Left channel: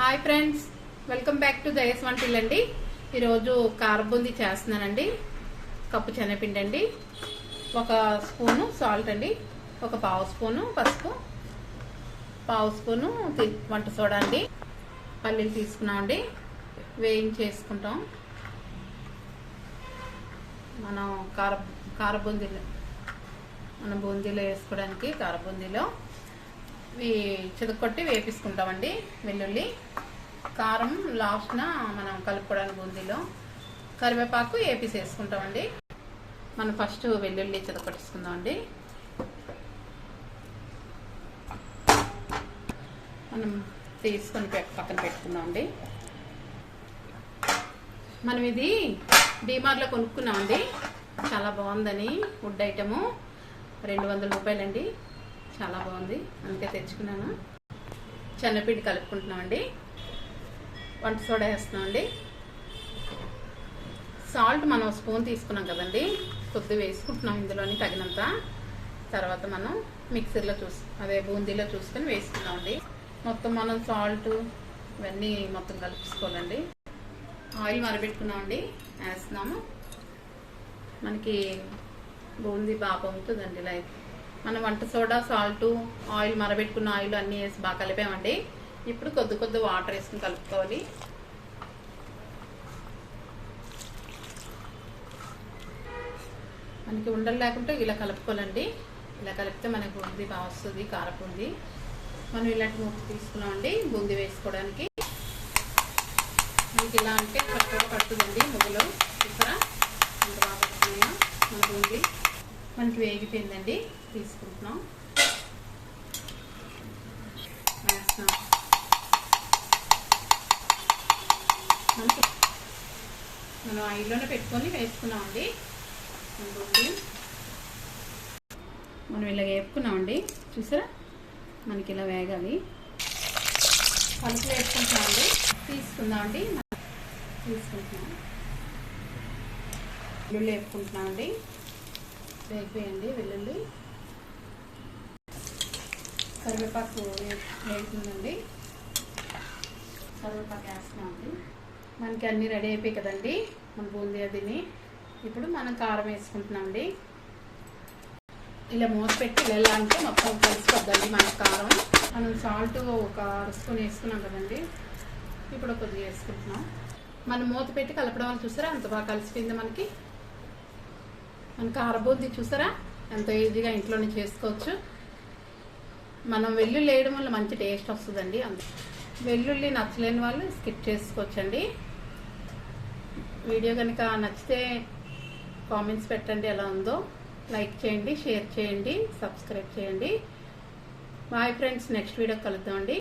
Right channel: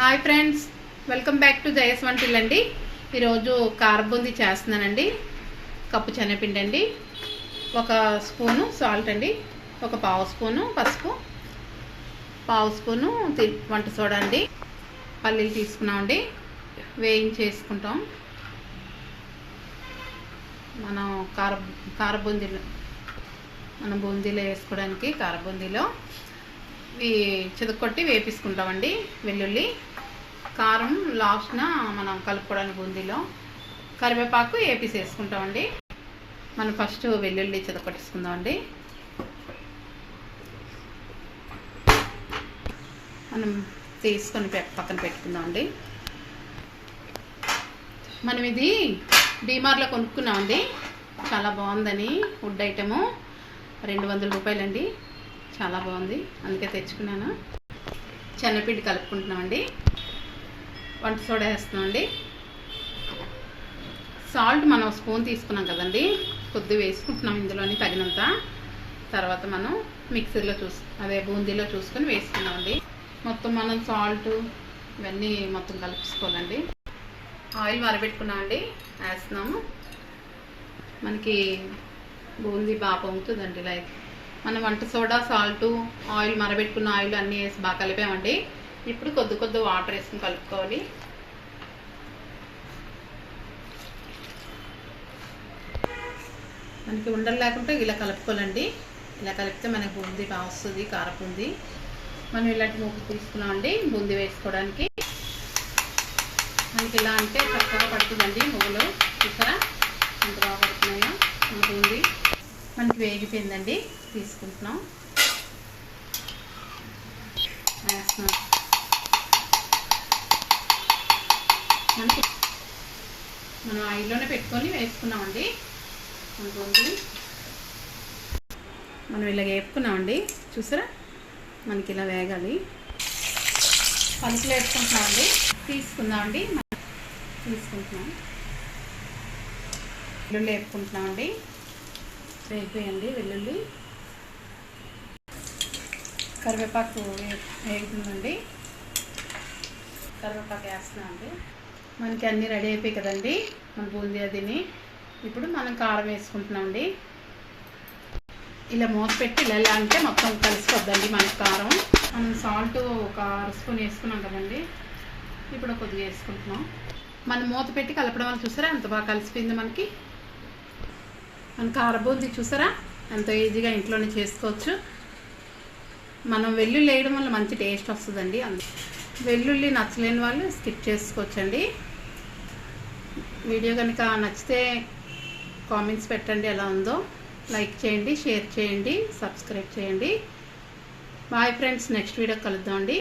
Hi friends, welcome back to Jaya స్వంటిల్లు అండి. ఈరోజు కారం బూందీ చేస్తున్నానండి. కప్పు శనగపిండి అండి, ఒక స్పూను సాల్ట్ అండి, ఒక పావు స్పూను పసుపు, పావు స్పూను వంట సోడా అండి, పల్లీలు తీసుకున్నామండి, వేయించేసుకుంటాం. మనం కార బూందీలో మనం బూందీలో వేసుకోవడానికి కార బూందీలో చితకొట్టి వేపించుకుంటామండి. వెల్లుల్లి కారం లాస్ట్న మనం కలుపుకోవడానికి బూందీలో కరివేపాకు వేసేసుకుంటామండి. మనం ఫస్ట్ వెల్లుల్లి చితకొట్టేసుకుందామండి. మనం తీసుకొని పక్కన పెట్టుకుందామండి. మనం ఇది డీమార్ట్లో కొనుక్కున్నామండి. చాలా బాగుందని, వుడ్ ఐటము 200 రూపాయలండి. చాలా బాగుంది, అందుకే తెచ్చుకున్నాను. శనగపిండి కలుపుకుంటున్నామండి, వంట సోడా వేస్తున్నామండి, సాల్ట్ మనం స్పూన్ తీసుకున్నాం కదండి, కొద్దిగా వేసుకుంటున్నాం ఇందులోని తగినంత. తర్వాత మనం మిక్సీలో బూందీలో చూసుకొని వేసుకున్నామండి. మొత్తం మనం సాల్ట్ ఇవన్నీ మొత్తం కలుపుకోవాలండి. ఆయిల్ మరబెట్టుకున్నామండి, వేస్తున్నాము. మనకి బూందీ బాగా పొంగుతుందండి. లైక్ మనం వంట సోడా, సాల్ట్, ఆయిల్ మరబెట్టుకున్న ఆయిల్ అన్నీ వేసి బాగా కలిపామండి. ఇప్పుడు కొద్ది వాటర్ వేసుకుని కలుపుకోవాలి. మనకి ఉండలు లేకుంటే ఇలా కలుపుకోవాలండి. ఇలా కలిపితే మనకి బూందీ బాగా వస్తుంది, కారబూందీ. మనం ఇలాంటి ముగ్గు తీసుకున్నామండి బూందీ వేసుకోవడానికి. మనకి ఇలా అంటే చక్కగా పడుతుందండి ముగ్గులు. ఇక్కడ ఎంత బాగా పడుతున్నాయో మన బూందీ. మనకి వేగిపోయిందండి, తీసుకుంటున్నాం, వేస్తున్నాం. మనకి మనం ఆయిల్లోనే పెట్టుకొని వేసుకున్నామండి. బూందీ మనం ఇలా వేపుకున్నామండి. చూసారా, మనకి ఇలా వేగాలి. పలుకులు వేసుకుంటున్నామండి, తీసుకుందామండి. తీసుకుంటున్నాం, వెల్లుల్లి వేపుకుంటున్నామండి. వేగిపోయండి వెల్లుల్లి. కరివేపాకు వేగుతుందండి, కరివేపాకు వేస్తున్నామండి. మనకి అన్నీ రెడీ అయిపోయి కదండి మన బూందీ అదిని. ఇప్పుడు మనం కారం వేసుకుంటున్నామండి. ఇలా మూత పెట్టి ఇలా అంటే మొత్తం కలిసిపోద్దండి మన కారం. మనం సాల్ట్ ఒక 1 స్పూన్ వేసుకున్నాం కదండి, ఇప్పుడు కొద్దిగా వేసుకుంటున్నాం. మనం మూత పెట్టి కలపడం వల్ల చూసారా ఎంత బాగా కలిసిపోయింది మనకి. మన కార బూందీ చూసారా ఎంతో ఈజీగా ఇంట్లోనే చేసుకోవచ్చు. మనం వెల్లుల్లి వేయడం వల్ల మంచి టేస్ట్ వస్తుందండి. వెల్లుల్లి నచ్చలేని వాళ్ళు స్కిప్ చేసుకోవచ్చండి. వీడియో కనుక నచ్చితే కామెంట్స్ పెట్టండి ఎలా ఉందో. లైక్ చేయండి, షేర్ చేయండి, సబ్స్క్రైబ్ చేయండి. బాయ్ ఫ్రెండ్స్, నెక్స్ట్ వీడియో కలుద్దామండి.